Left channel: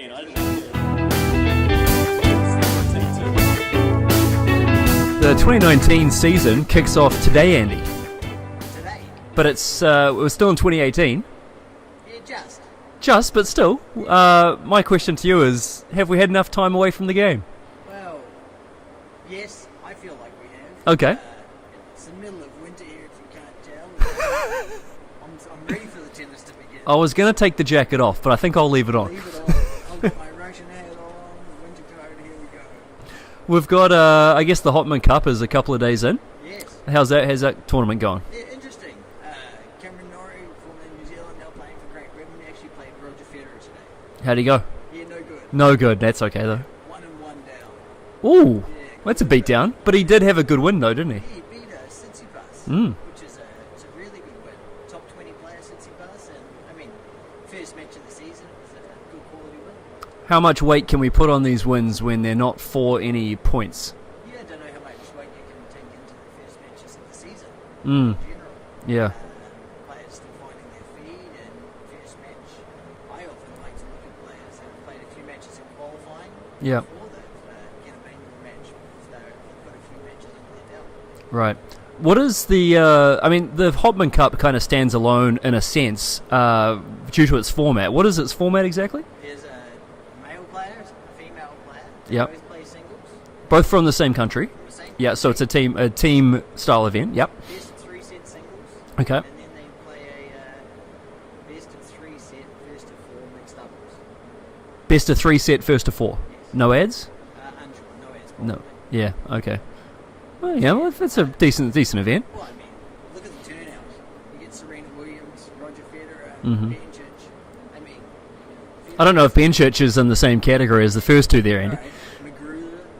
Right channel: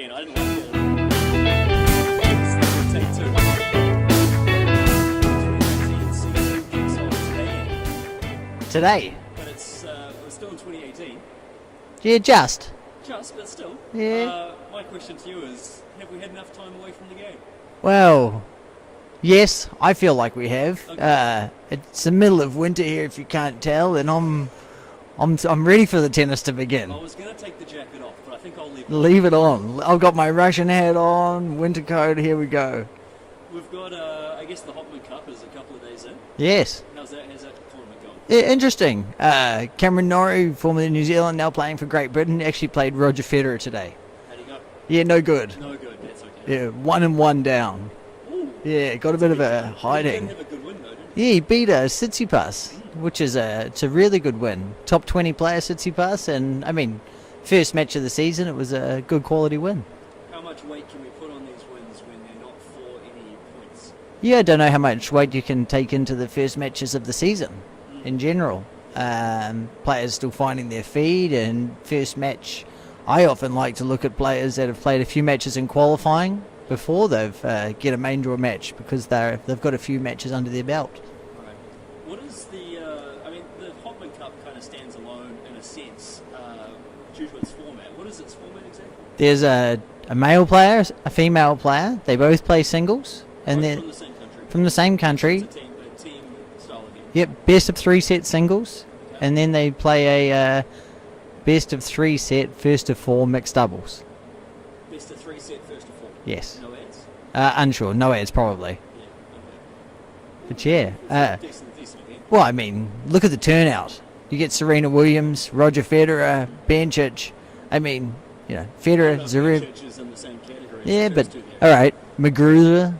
The 2019 season kicks off today, Andy. Today? But we're still in 2018. Yeah, just, but still. Yeah. My question to you is, have we had enough time away from the game? Well, yes, I feel like we have. Okay. It's the middle of winter here, if you can't tell, and I'm ready for the tennis to begin. I was going to take the jacket off, but I think I'll leave it on. Leave it on. I've got my Russian hat on, winter coat, here we go. We've got, I guess the Hopman Cup is a couple of days in. Yes. How's that tournament going? Yeah, interesting. Cameron Norrie, former New Zealand, now playing for Great Britain, actually played Roger Federer today. How'd he go? Yeah, no good. No good, that's okay though. Yeah, 1-1 down. Ooh, yeah, that's a beat down. But he did have a good win though, didn't he? Yeah, he beat Tsitsipas, which is it's a really good win. Top 20 player Tsitsipas, and I mean, first match of the season, it was a good quality win. How much weight can we put on these wins when they're not for any points? Yeah, I don't know how much weight you can take into the first matches of the season in general. Yeah. Players still finding their feet, and first match, I often like to look at players that have played a few matches in qualifying before they've get a main draw match, because they've got a few matches under their belt. Right. What is the? The Hopman Cup kind of stands alone in a sense due to its format. What is its format exactly? There's a male player, a female player. They both play singles. Both from the same country. From the same country. Yeah, so it's a team style event. Yep. Best of 3 set singles. Okay. And then they play a best of 3 set first of 4 mixed doubles. Best of 3 set first of 4. Yes. No ads? Unsure. No ads probably. No. Yeah. Okay. Well, yeah, it's a decent event. Well, I mean, look at the turnout. You get Serena Williams, Roger Federer, Bencic. I mean, Federer. I don't know if Bencic is in the same category as the first two there. All right, Magruza,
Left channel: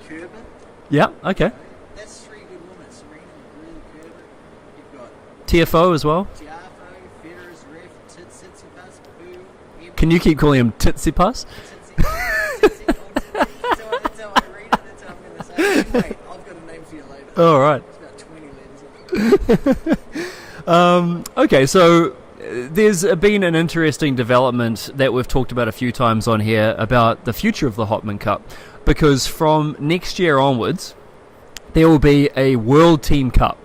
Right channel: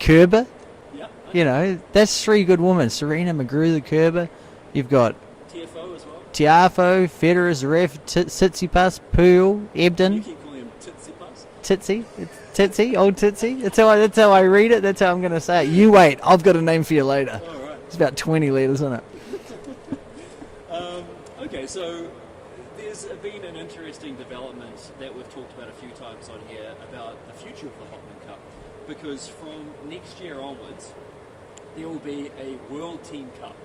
Kerber. Yeah, okay. That's 3 good women. Serena, Magruza, Kerber. You've got TFO as well. Tiafoe, Federer, Zverev, Tsitsipas, Poole, Ebden. Can you keep calling him Tsitsipas? Titsy, old Titsy. That's how I read it. That's how I'm going to say it. You wait. I've got a name for you later. All right. It's about 20 letters in it. Okay, so there's been an interesting development that we've talked about a few times on here about the future of the Hopman Cup, because from next year onwards, there will be a World Team Cup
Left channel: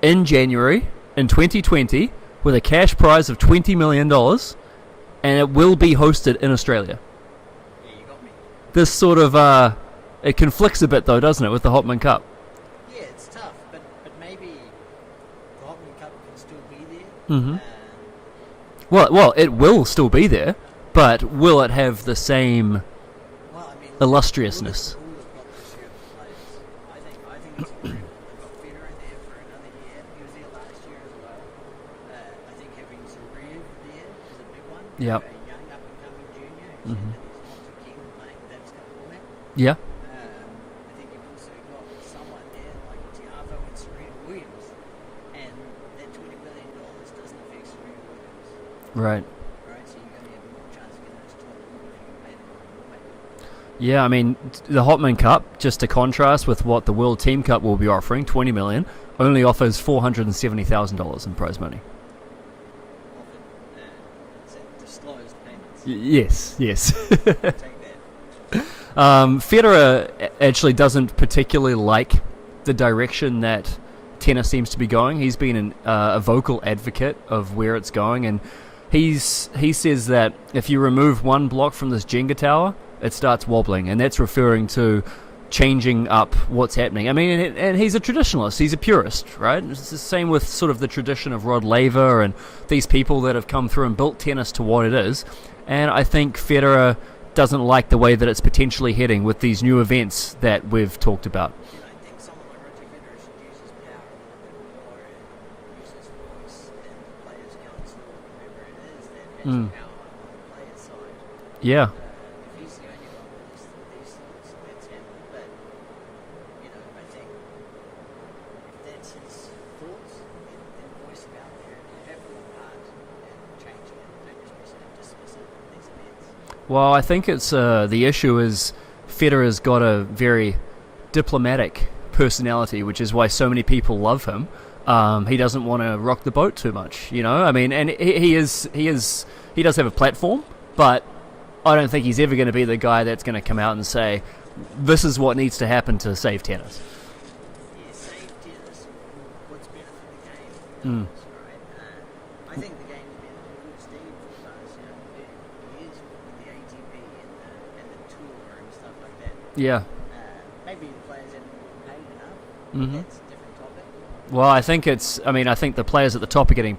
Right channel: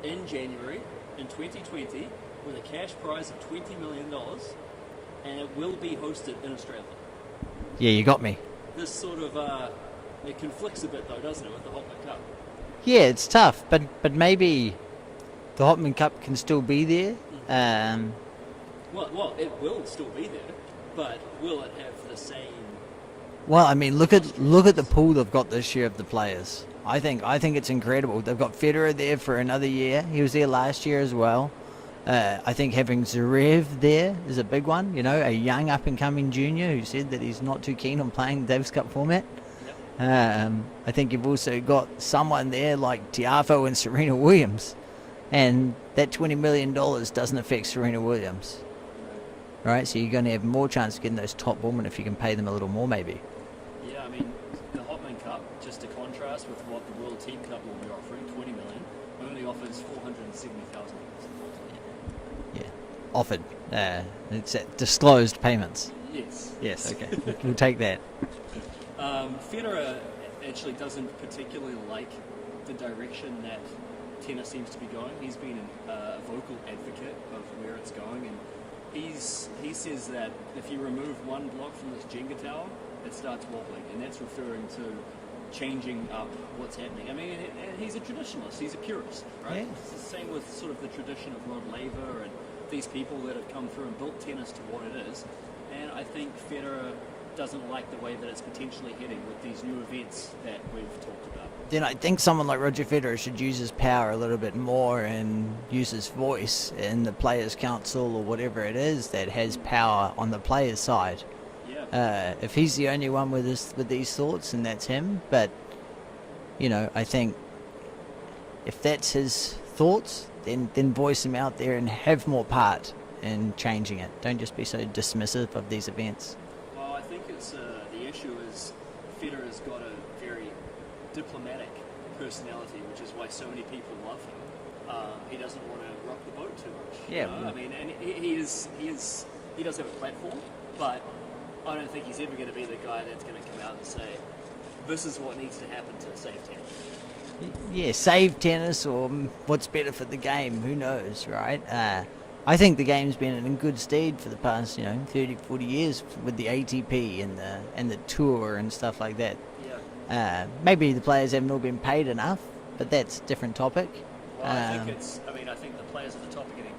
in January in 2020 with a cash prize of $20 million, and it will be hosted in Australia. Yeah, you got me. This sort of, it conflicts a bit though, doesn't it, with the Hopman Cup? Yeah, it's tough, but maybe the Hopman Cup can still be there. Mm-hmm. Well, it will still be there, but will it have the same? Well, I mean, look at the pool they've got this year of the players. I think it's incredible. They've got Federer there for another year. He was there last year as well. I think having Zverev there is a big one. A young up-and-coming junior who said that he's not too keen on playing the Davis Cup format. Yeah. I think you've also got someone there like Tiafoe and Serena Williams, and that $20 million doesn't affect Serena Williams. Right. Right. So you're going to have more chance of getting those top women if you can pay them a little more, maybe. Yeah, I mean, the Hopman Cup, just to contrast with what the World Team Cup will be offering, $20 million, only offers $470,000 in prize money. Yeah, offered. It's disclosed payments. Yes. We'll take that. Federer actually doesn't particularly like the direction that tennis seems to be going. He's been a vocal advocate of where it's going, and he says that if you remove one block from this Jenga tower, it starts wobbling, and that's referring to changing up what's happening. I mean, and he's a traditionalist, he's a purist, right? It's the same with sort of the tradition of Rod Laver and these people that have come through and built tennis to what it is. And I think Federer doesn't like the way that it's potentially heading with these new events that we've talked about. Then I think someone like Roger Federer should use his power a little bit more and use his voice in the Players' Council or whatever it is that has power on the players' side. Yeah. If he's the only one with these thoughts, and that's him. But I think if that's his thoughts, then voice him out there and have more part in changing it. Don't just be so dismissive of these events. Well, I think it's the issue is Federer's got a very diplomatic personality, which is why so many people love him. He doesn't want to rock the boat too much, you know. I mean, and he does have a platform, but I don't think he's ever going to be the guy that's going to come out and say, "This is what needs to happen to save tennis." Yeah, save tennis, or what's better for the game? Who knows, right? I think the game's been in good stead for the past, 30, 40 years with the ATP and the tour and stuff like that. Yeah. Maybe the players haven't all been paid enough, but that's a different topic. Well, I think the players at the top are getting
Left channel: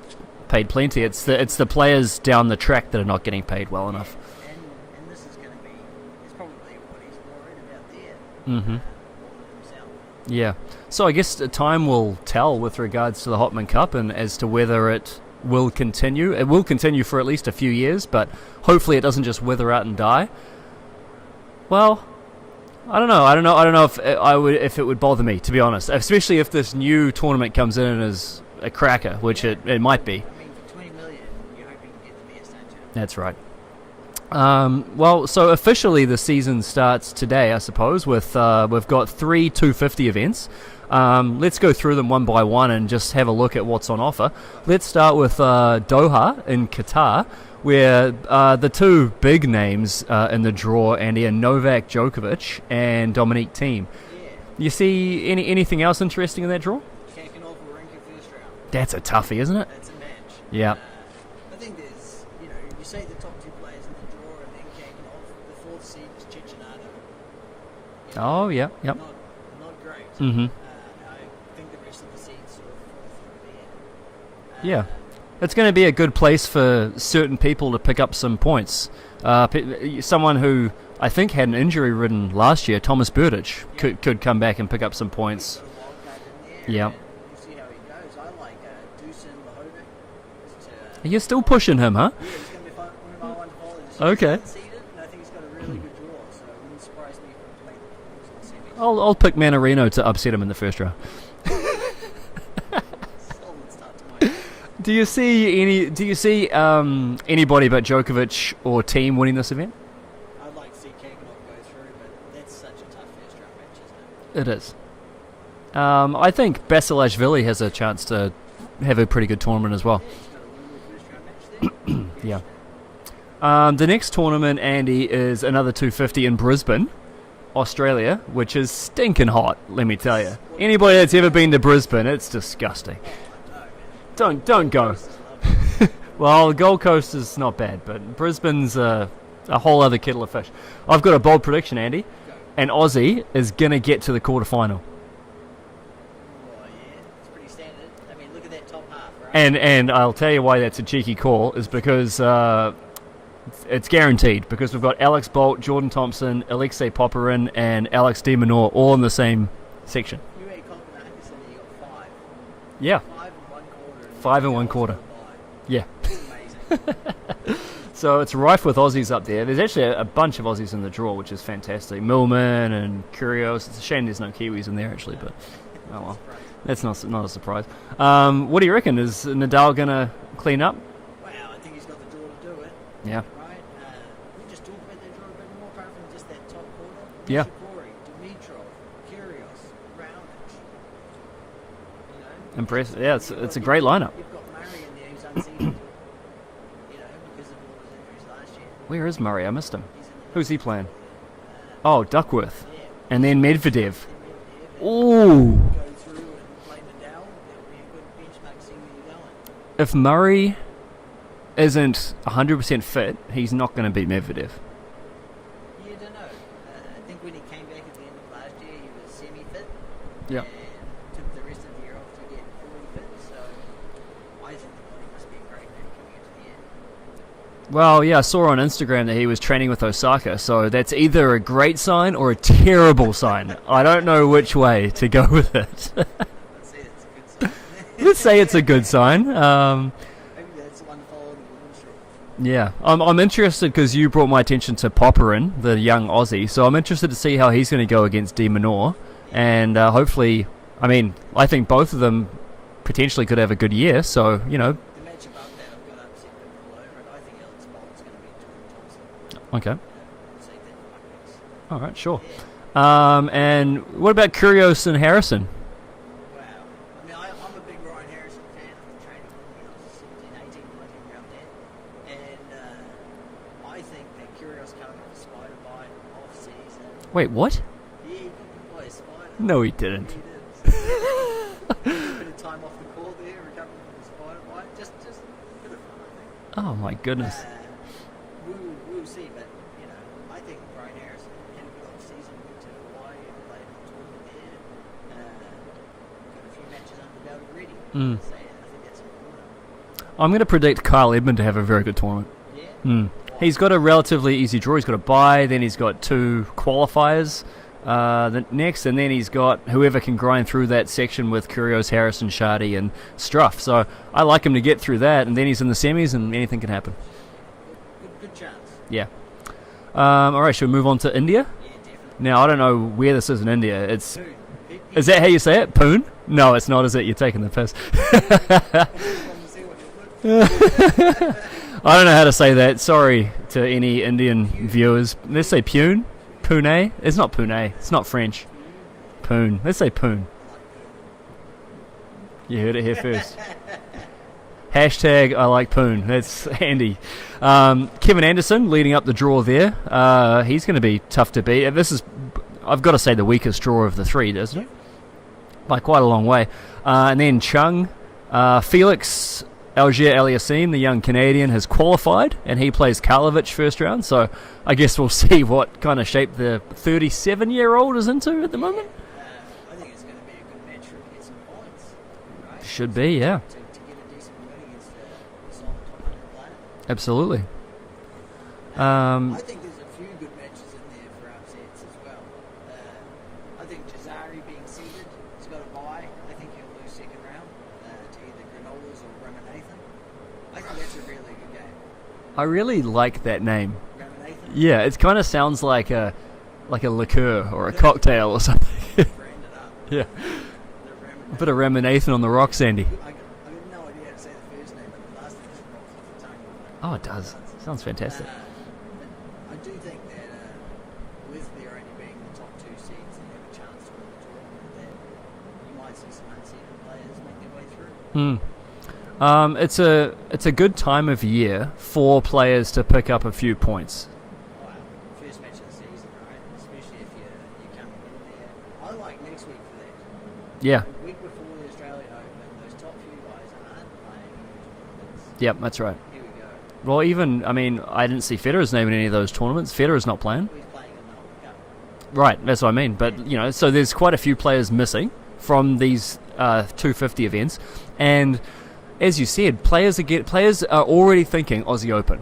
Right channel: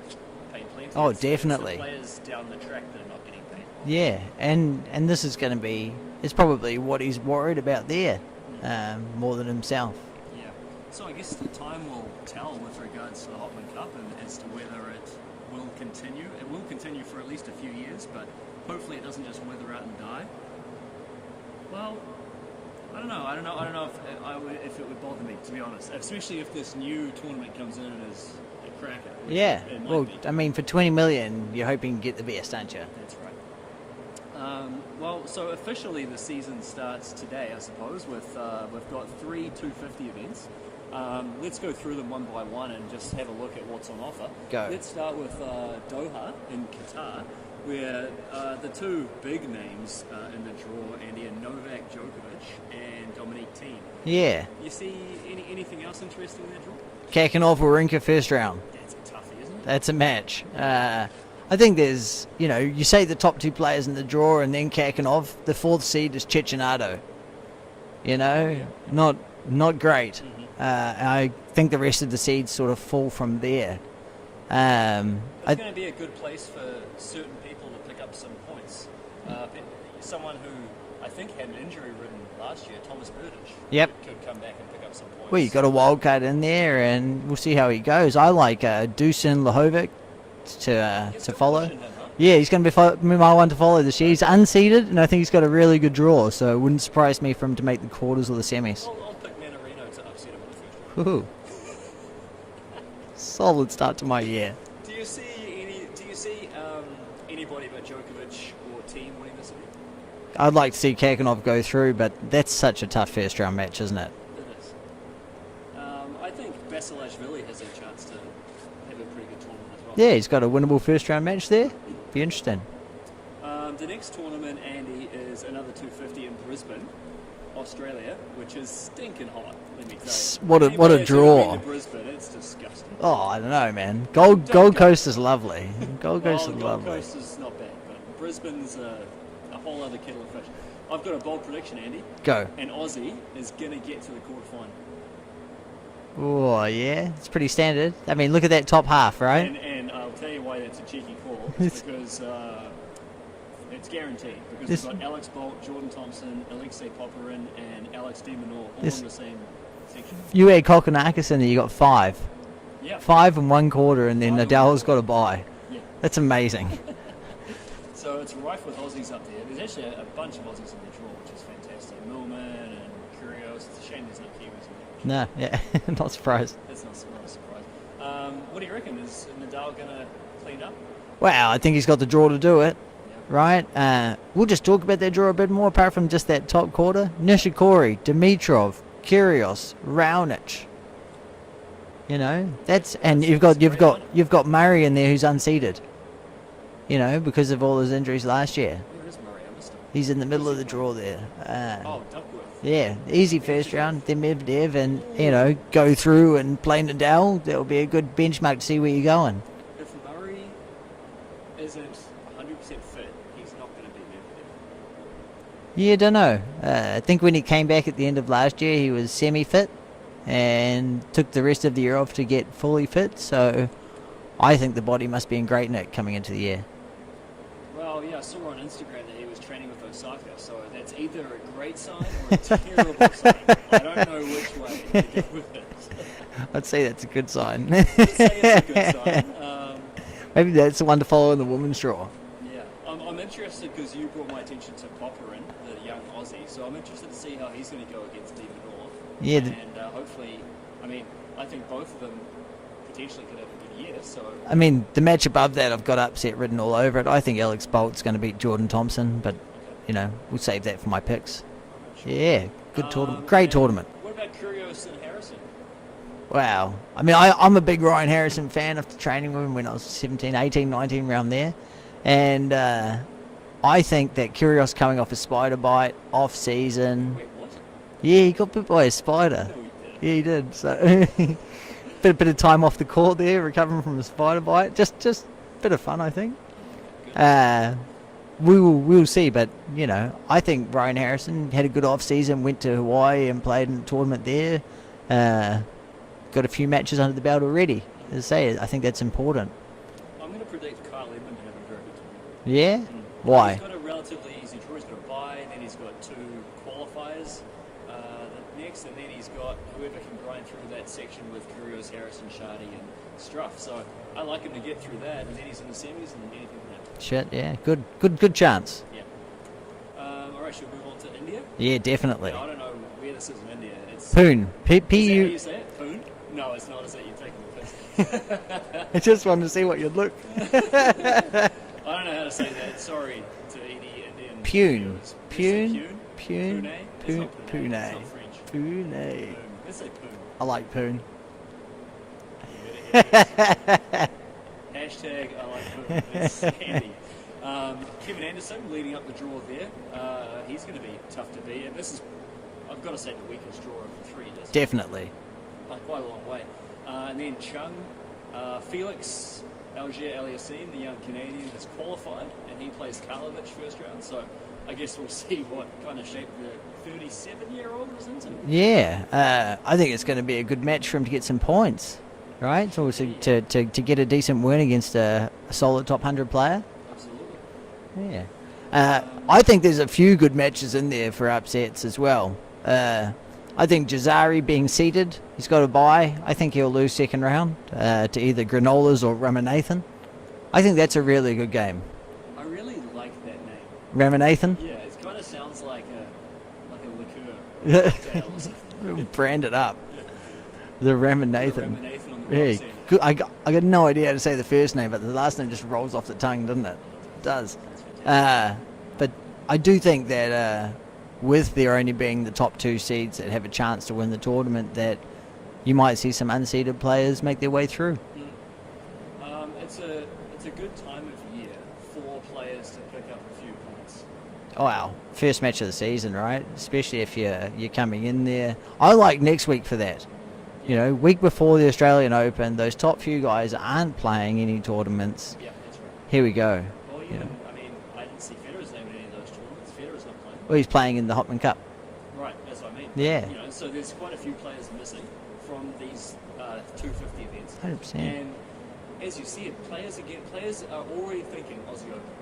paid plenty. Oh, it's the players down the track that are not getting paid well enough. Yeah, and this is going to be, it's probably what he's worried about there, more than himself. Yeah. So I guess time will tell with regards to the Hopman Cup and as to whether it will continue. It will continue for at least a few years, but hopefully it doesn't just wither out and die. Well, I don't know if it would bother me, to be honest, especially if this new tournament comes in as a cracker, which it might be. I mean, for 20 million, you're hoping to get the best, aren't you? That's right. Well, so officially the season starts today, I suppose, with we've got 3 250 events. Let's go through them one by one and just have a look at what's on offer. Let's start with Doha in Qatar, where the two big names in the draw, Andy, are Novak Djokovic and Dominic Thiem. Yeah. You see anything else interesting in that draw? Kakanov or Rinka first round. That's a toughie, isn't it? That's a match. Yeah. I think there's, you say the top 2 players in the draw and then Kakanov. The 4th seed is Cecchinato. Oh, yeah. Yep. Not great. Mm-hmm. I think the rest of the seeds sort of fall from there. It's going to be a good place for certain people to pick up some points. Someone who I think had an injury ridden last year, Thomas Berdych, could come back and pick up some points. Well, you got a wild card in there, and we'll see how he goes. I like Dusan Lajovic. You're still pushing him, huh? Yeah, he's going to be my one to follow this year. He's unseeded, and I think he's got a really good draw, so it wouldn't surprise me for him to make the quarters or the semis. I'll pick Manarino to upset him in the first round. Solid start to my year. Do you see anybody but Djokovic or Thiem winning this event? I'd like to see Kakanov go through, but that's such a tough first round match, isn't it? It is. I think Basilashvili has a chance to have a pretty good tournament as well. Yeah, he's got a winnable first round match there. Be interesting. The next tournament, Andy, is another 250 in Brisbane, Australia, which is stinking hot, let me tell you. Anybody that's ever been to Brisbane, it's disgusting. Oh, I don't know, man. Gold Coast is lovely. Gold Coast is not bad, but Brisbane's a whole other kettle of fish. I've got a bold prediction, Andy. Go. An Aussie is going to get to the quarterfinal. Oh, yeah. It's pretty standard. I mean, look at that top half, right? And I'll tell you why that's a cheeky call, is because it's guaranteed, because we've got Alex Bolt, Jordan Thompson, Alexei Popyrin, and Alex de Minaur all in the same section. You had Kokkinakis in there, you got 5. Yeah. 5 and 1 quarter, and then Nadal's got a bye. Yeah. That's amazing. So it's rife with Aussies up there. There's actually a bunch of Aussies in the draw, which is fantastic. Millman and Kyrgios. It's a shame there's no Kiwis in there, actually. No, yeah. Not surprised. That's not a surprise. What do you reckon? Is Nadal going to clean up? Well, I think he's got the draw to do it. Yeah. Right? We'll just talk about that draw a bit more, apart from just that top quarter. Nishikori, Dimitrov, Kyrgios, Raonic. You've got Murray in there who's unseeded. Because of all his injuries last year. Where is Murray? I missed him. He's in the middle of the draw there. Duckworth. Yeah. And then Medvedev. Then Medvedev, and go through and play Nadal. That will be a good benchmark to see where you're going. If Murray isn't 100% fit, he's not going to beat Medvedev. Yeah, I don't know. I think when he came back at the end of last year, he was semi-fit and took the rest of the year off to get fully fit. So I think the body must be in great nick coming into the year. Well, yeah, I saw on Instagram that he was training with Osaka, so that's either a great sign or a terrible sign. I don't know which way to go with it. I'd say that's a good sign. Let's say it's a good sign. Maybe that's the one to follow in the women's draw. Yeah, I'm interested because you brought my attention to Popyrin, the young Aussie, so I'm interested to see how he's going to go against de Minaur. Yeah. And hopefully, I think both of them potentially could have a good year. So I mean, the match above that, I've got upset written all over it. I think Alex Bolt's going to beat Jordan Thompson, but we'll save that for my picks. All right, sure. Yeah. Great tournament. What about Kyrgios and Harrison? Wow. I mean, I'm a big Ryan Harrison fan after training with him when I was 17, 18, 19, around there. And I think that Kyrgios coming off a spider bite, off-season... Wait, what? Yeah, he got bit by a spider. No, he didn't. Yeah, he did. So bit of time off the court there, recovering from a spider bite. Just a bit of fun, I think. Oh, my goodness. We'll see, but, you know, I think Ryan Harrison had a good off-season, went to Hawaii and played in the tournament there. Got a few matches under the belt already. As I say, I think that's important. I'm going to predict Kyle Edmund to have a very good tournament. Yeah? Why? He's got a relatively easy draw. He's got a bye, then he's got 2 qualifiers next, and then he's got whoever can grind through that section with Kyrgios, Harrison, Shardy, and Struff. So I like him to get through that, and then he's in the semis, and anything can happen. Shit, yeah. Good chance. Yeah. All right, should we move on to India? Yeah, definitely. Now, I don't know where this is in India. It's Pune. Is that how you say it? Pune? No, it's not, is it? You're taking the piss. I just wanted to see what you'd look. I don't know how to say that. Sorry to any Indian viewers. Let's say Pune. Pune? It's not Pune. It's not French. Pune. Let's say Pune. I like Pune. You heard it here first. Hashtag I like Pune. That's Andy. Kevin Anderson leading up the draw there. He's going to be tough to beat. This is, I've got to say, the weakest draw of the 3, doesn't it? Definitely. By quite a long way. And then Chung, Felix Auger-Aliassime, the young Canadian, has qualified, and he plays Karlovic first round. So I guess we'll see what kind of shape the 37-year-old is into at the moment. I think it's going to be a good match for him to get some points. Right? Should be, yeah. To get a decent win against a solid top 100 player. Absolutely. Yeah. I think there's a few good matches in there for upsets as well. I think Jazari being seeded, he's got a bye. I think he'll lose second round to either Granolas or Ramanathan. I think that's a really good game. I really like that name. Ramanathan? Yeah, it kind of sounds like a liqueur or a cocktail or something. Brand it up. Yeah. The Ramanathan. Put a Ramanathan on the rocks, Andy. I got no idea how to say the first name, but the last name just rolls off the tongue, doesn't it? Oh, it does. It does. Sounds fantastic. But I do think that with there only being the top 2 seeds that have a chance to win the tournament, that you might see some unseeded players make their way through. It's a good time of year for players to pick up a few points. Oh, wow. First match of the season, right? Especially if you're coming in there. I like next week for that. Yeah. You know, week before the Australian Open, those top few guys aren't playing any tournaments. Yep, that's right. Here we go. Well, I didn't see Federer's name in any of those tournaments. Federer's not playing. Well, he's playing in the Hopman Cup. Right, that's what I mean. But, so there's quite a few players missing from these 250 events. 100%. And as you said, players are already thinking Aussie Open.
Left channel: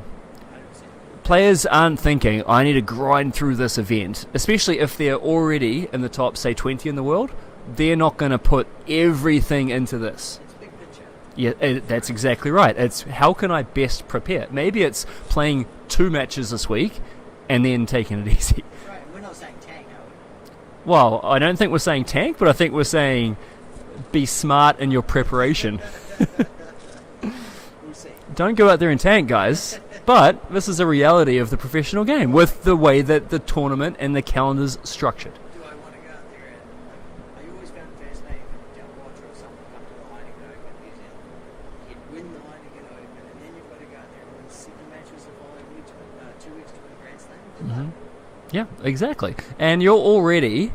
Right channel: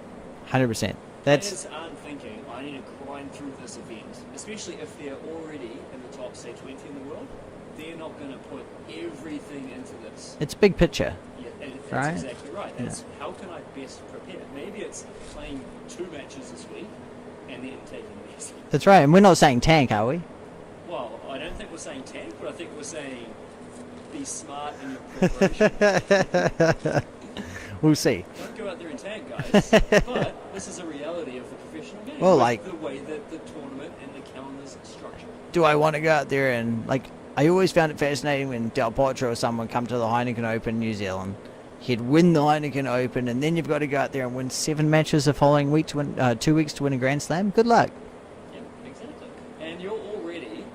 100%. Players aren't thinking, I need to grind through this event, especially if they're already in the top, say, 20 in the world. They're not going to put everything into this. It's big picture. Yeah, that's exactly right. It's how can I best prepare? Maybe it's playing 2 matches this week and then taking it easy. That's right. And we're not saying tank, are we? Well, I don't think we're saying tank, but I think we're saying be smart in your preparation. We'll see. Don't go out there and tank, guys. But this is a reality of the professional game with the way that the tournament and the calendar's structured. Do I want to go out there and, I always found it fascinating when Del Potro or someone come to the Heineken Open New Zealand. He'd win the Heineken Open, and then you've got to go out there and win 7 matches the following week to win 2 weeks to win a Grand Slam. Good luck. Yeah, exactly. And you're already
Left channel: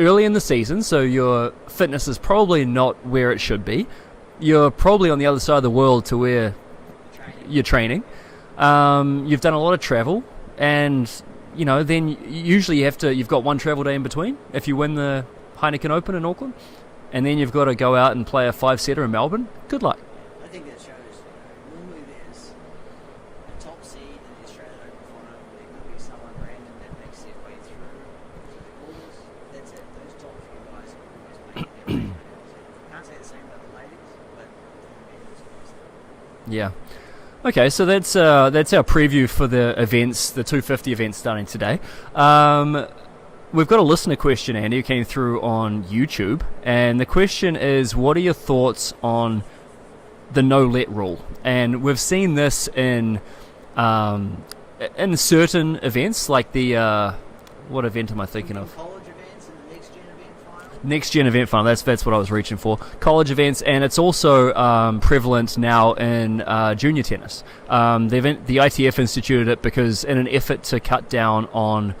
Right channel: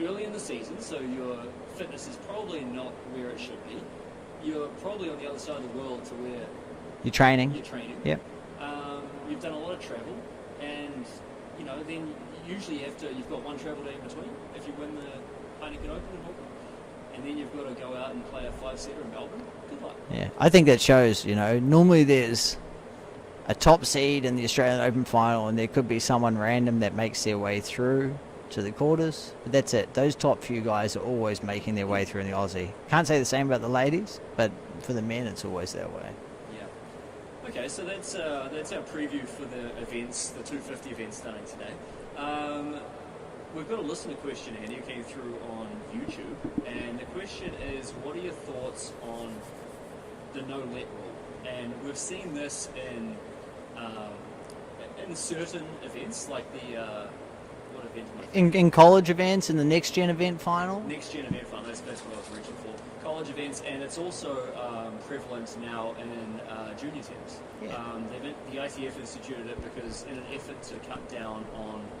early in the season, so your fitness is probably not where it should be. You're probably on the other side of the world to where you're training. Yeah. You've done a lot of travel, and then usually you've got 1 travel day in between if you win the Heineken Open in Auckland, and then you've got to go out and play a 5-setter in Melbourne. Good luck. Yeah, I think that shows, normally there's a top seed in the Australian Open final, and there could be someone random that makes their way through to the quarters. But that's it. Those top few guys are always making their way through in the Aussie. Can't say the same about the ladies, but for the men, it's always that way. Yeah. Okay, so that's our preview for the events, the 250 events starting today. We've got a listener question, Andy, who came through on YouTube, and the question is, what are your thoughts on the no-let rule? And we've seen this in certain events, like the What event am I thinking in of? college events, in the next gen event final. Next gen event final. That's what I was reaching for. College events, and it's also prevalent now in junior tennis. The ITF instituted it because in an effort to cut down on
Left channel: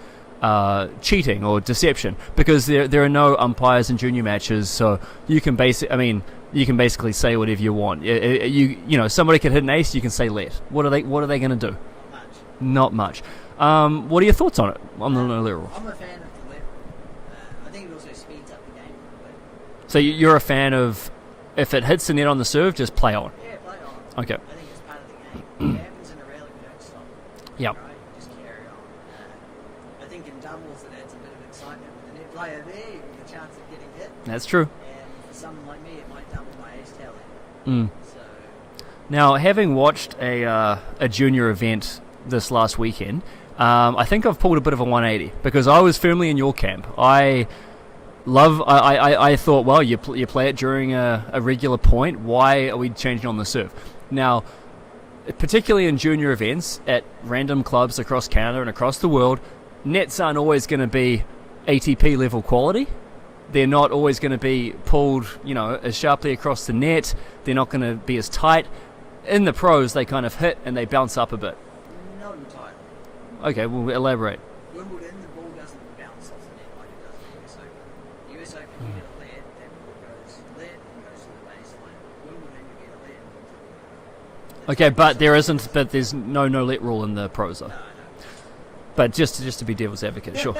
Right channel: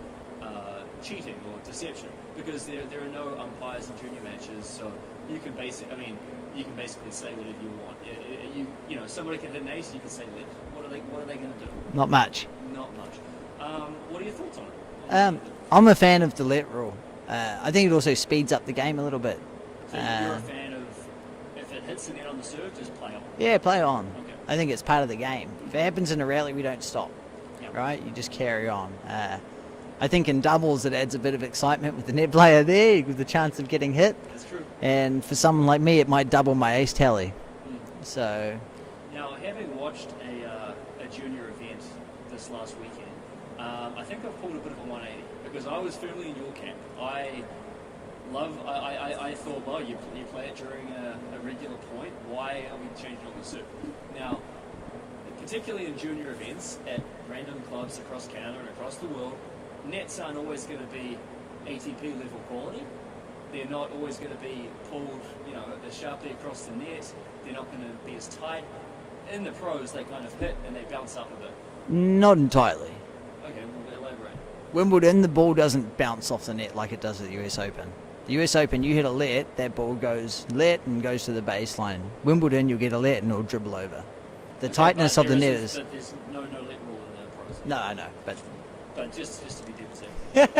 cheating or deception, because there are no umpires in junior matches, so you can basically say whatever you want. You know, somebody can hit an ace, you can say let. What are they going to do? Not much. Not much. What are your thoughts on it? On the let rule? I'm a fan of the let rule. I think it also speeds up the game a little bit. So you're a fan of, if it hits the net on the serve, just play on? Yeah, play on. Okay. I think it's part of the game. If it happens in a rally, we don't stop. Yeah. Right? You just carry on. I think in doubles it adds a bit of excitement with the net player there, with the chance of getting hit. That's true. And for someone like me, it might double my ace tally. So. Now, having watched a junior event this last weekend, I think I've pulled a bit of a 180 because I was firmly in your camp. I thought, well, you play it during a regular point. Why are we changing on the serve? Now, particularly in junior events at random clubs across Canada and across the world, nets aren't always going to be ATP level quality. They're not always going to be pulled, as sharply across the net. They're not going to be as tight. In the pros, they kind of hit and they bounce up a bit. Not entirely. Okay, well, elaborate. Wimbledon, the ball doesn't bounce off the net like it does at the US Open. The US Open, you hit a let, that ball goes let and goes to the baseline. Wimbledon, you'll get a let and it'll dribble over. Okay, but there's no let rule in the pros, though. No, I know, but just to be devil's advocate, sure.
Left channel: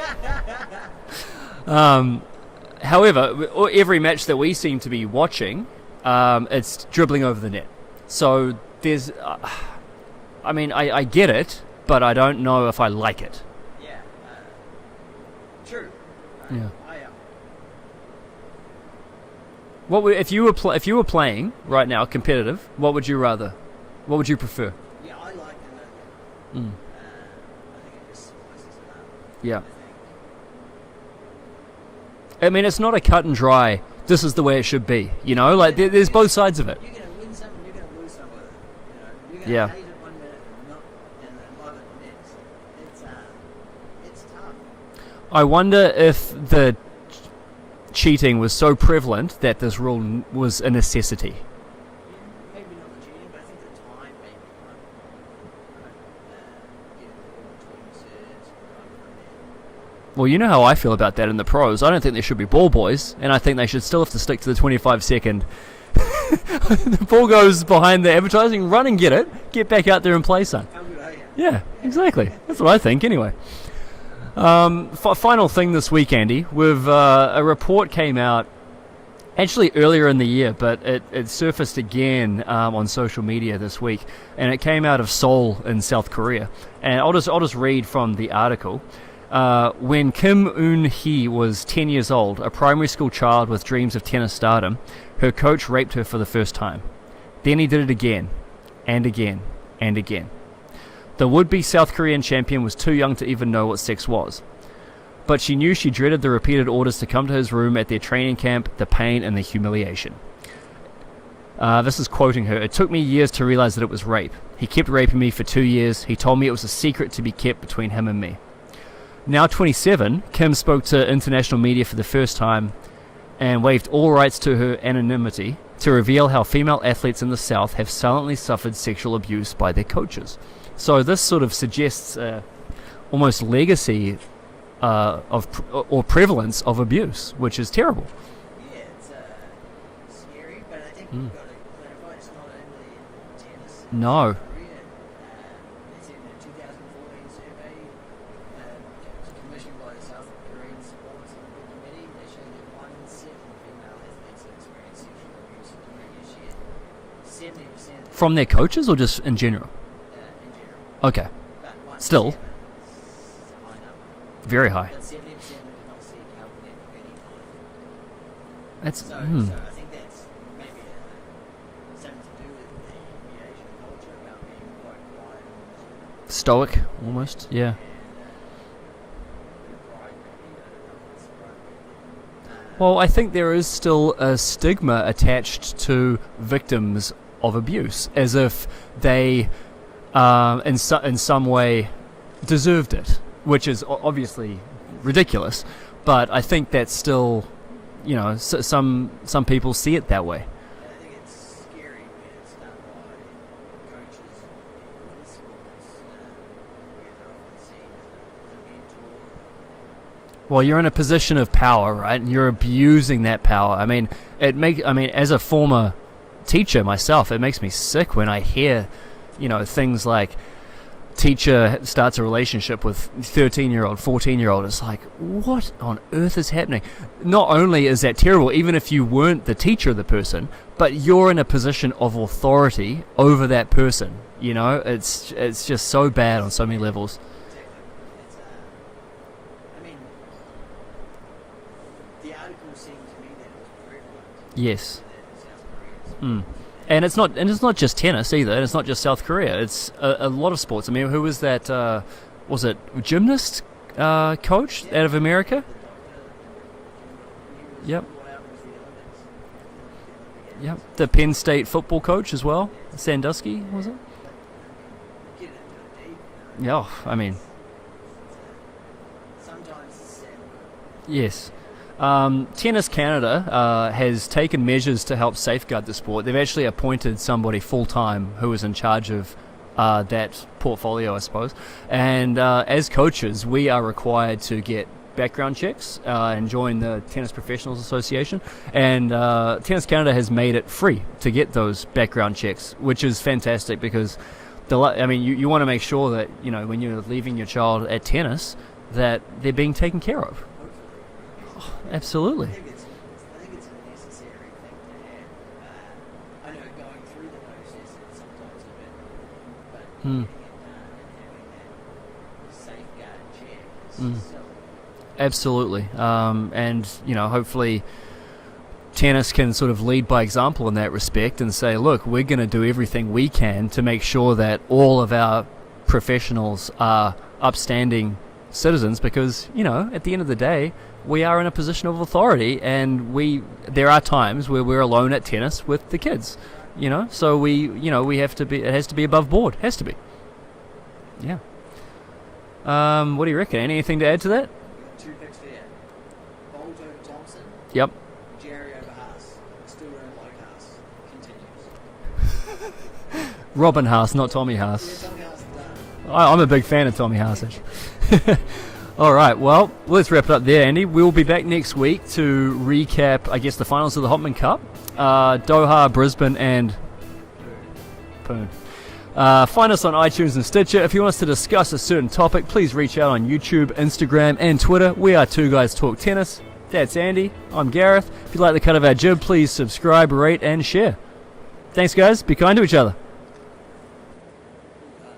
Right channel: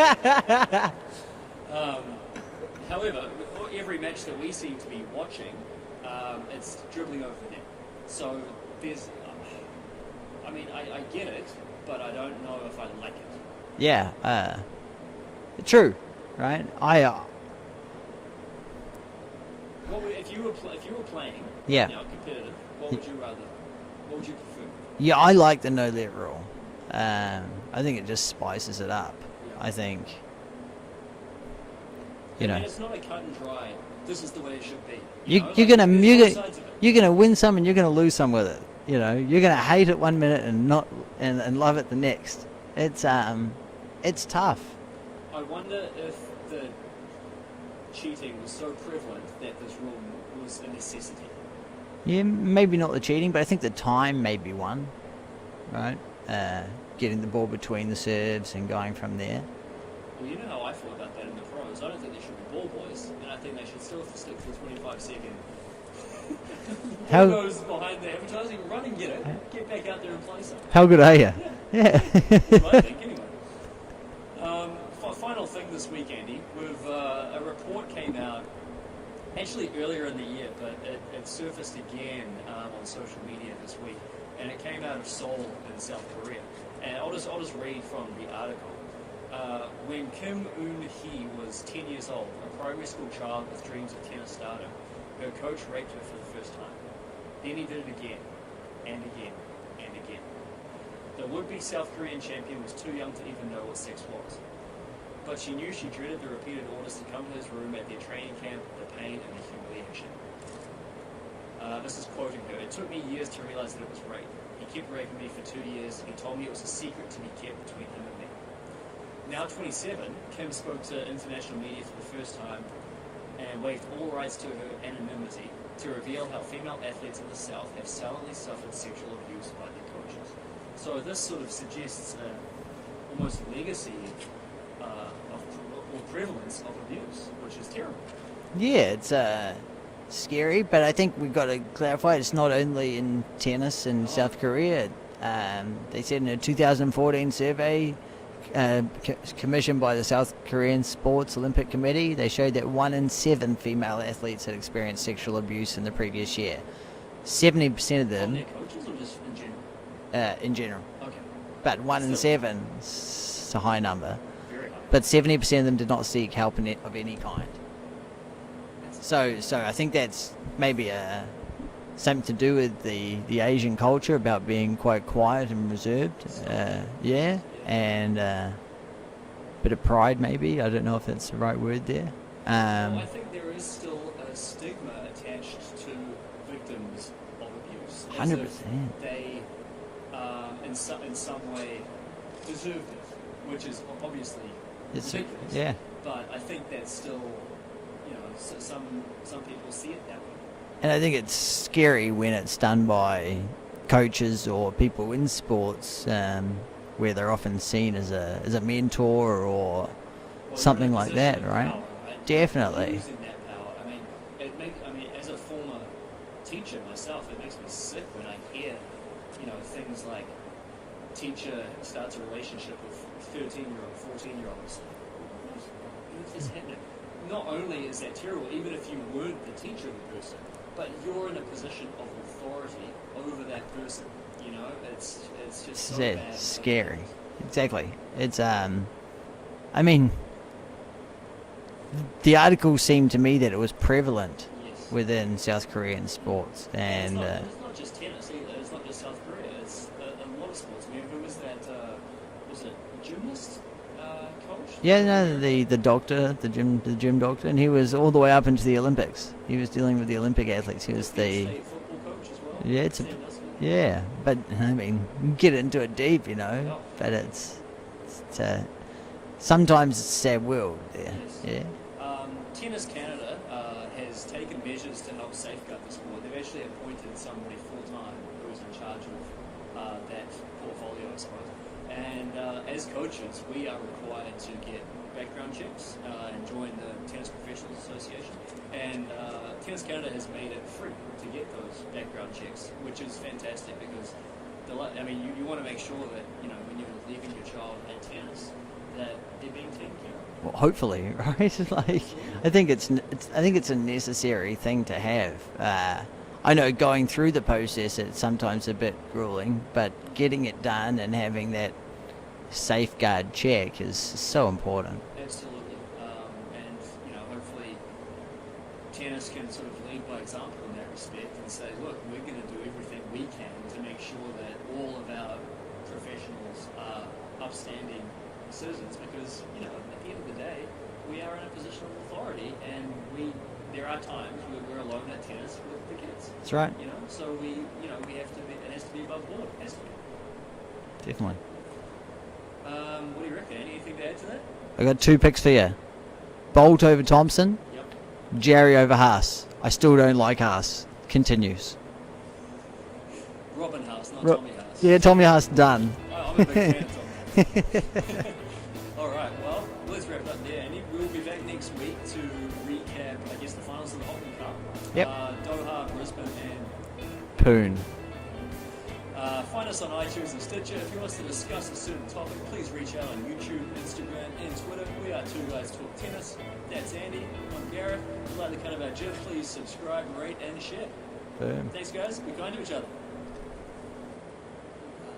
However, every match that we seem to be watching, it's dribbling over the net. So there's, I get it, but I don't know if I like it. Yeah, true, right? Yeah. If you were playing right now competitive, what would you rather? What would you prefer? Yeah, I like the no let rule. I think it just spices it up. Yeah, I think. I mean, it's not a cut and dry. This is the way it should be. There's both sides of it. You're going to win some and you're going to lose some with it. You're going to hate it 1 minute and love it the next. It's tough. I wonder if the cheating was so prevalent that this rule was a necessity. Yeah, maybe not the cheating, but I think the time may be one, right? Getting the ball between the serves and going from there. Well, you know how I feel about that in the pros. I don't think there should be ball boys, and I think they should still have to stick to the 25-second. The ball goes behind the advertising, run and get it, get back out there and play some. How good are you? Yeah, exactly. That's what I think, anyway. Final thing this week, Andy. A report came out actually earlier in the year, but it surfaced again on social media this week, and it came out of Seoul in South Korea. And I'll just read from the article. When Kim Eun-hee was 10 years old, a primary school child with dreams of tennis stardom, her coach raped her for the first time. Then he did it again, and again, and again. The would-be South Korean champion was too young to even know what sex was. But she knew she dreaded the repeated orders to come to his room at their training camp, the pain and the humiliation. This is quoting her. It took me years to realize that it was rape. He kept raping me for 2 years. He told me it was a secret to be kept between him and me. Now 27, Kim spoke to international media for the first time and waived all rights to her anonymity to reveal how female athletes in the South have silently suffered sexual abuse by their coaches. So this sort of suggests almost legacy or prevalence of abuse, which is terrible. Yeah, it's scary, but I think we've got to clarify it's not only in tennis in South Korea. They said in a 2014 survey commissioned by the South Korean Sports Olympic Committee, they showed that 1 in 7 female athletes had experienced sexual abuse in the previous year. 70% of them... From their coaches or just in general? In general. Okay. But 1 in 7 is a high number. Very high. But 70% of them did not seek help of any kind. So I think that's maybe something to do with the Asian culture about being quite quiet and reserved. Stoic. Yeah. And a bit of pride maybe. I don't know if that's the right word there. Well, I think there is still a stigma attached to victims of abuse, as if they in some way deserved it, which is obviously ridiculous. Yeah. But I think that's still, some people see it that way. And I think it's scary when it's done by coaches or people in sports, where they're often seen as a mentor or. Well, you're in a like position that, of power, right? And you're abusing that power. I mean, as a former teacher myself, it makes me sick when I hear, things like teacher starts a relationship with 13-year-old, 14-year-old. It's like, what on earth is happening? Not only is that terrible, even if you weren't the teacher of the person, but you're in a position of authority over that person. It's just so bad on so many levels. Exactly. It's the article seemed to me that it was prevalent. Yes. Within South Korean sports. And it's not just tennis either. And it's not just South Korea. It's a lot of sports. I mean, who was that? Was it gymnast coach out of America? The doctor, the gym doctor, and he was all the way up into the Olympics. He was dealing with the Olympic athletes. The Penn State football coach as well. Yeah, Sandusky. Yeah, but I mean, get into it deep, Yeah, I mean, it's sometimes it's a sad world. Yes. Yeah. Tennis Canada has taken measures to help safeguard the sport. They've actually appointed somebody full-time who is in charge of that portfolio, I suppose. And as coaches, we are required to get background checks and join the Tennis Professionals Association. And Tennis Canada has made it free to get those background checks, which is fantastic because, you want to make sure that, when you're leaving your child at tennis, that they're being taken care of. Well, hopefully, right? Absolutely. I think it's a necessary thing to have. I know going through the process it's sometimes a bit grueling, but getting it done and having that safeguard check is so important. Absolutely. And hopefully tennis can sort of lead by example in that respect and say, look, we're going to do everything we can to make sure that all of our professionals are upstanding citizens, because at the end of the day we are in a position of authority, and there are times where we're alone at tennis with the kids. That's right. So we have to be, it has to be above board. It has to be. Definitely. Yeah. What do you reckon? Anything to add to that? I got 2 picks for you. Bolt over Thompson. Yep. Jerry over Haas. I still don't like Haas. Continues. Robin Haas, not Tommy Haas. Yeah, Tommy Haas done. I'm a big fan of Tommy Haas. All right, well, let's wrap it up there, Andy. We'll be back next week to recap, I guess, the finals of the Hopman Cup. Yep. Doha, Brisbane and Pune. Find us on iTunes and Stitcher. If you want us to discuss a certain topic, please reach out on YouTube, Instagram and Twitter. We are Two Guys Talk Tennis. That's Andy. I'm Gareth. If you like the cut of our jib, please subscribe, rate and share. Thanks, guys. Be kind to each other.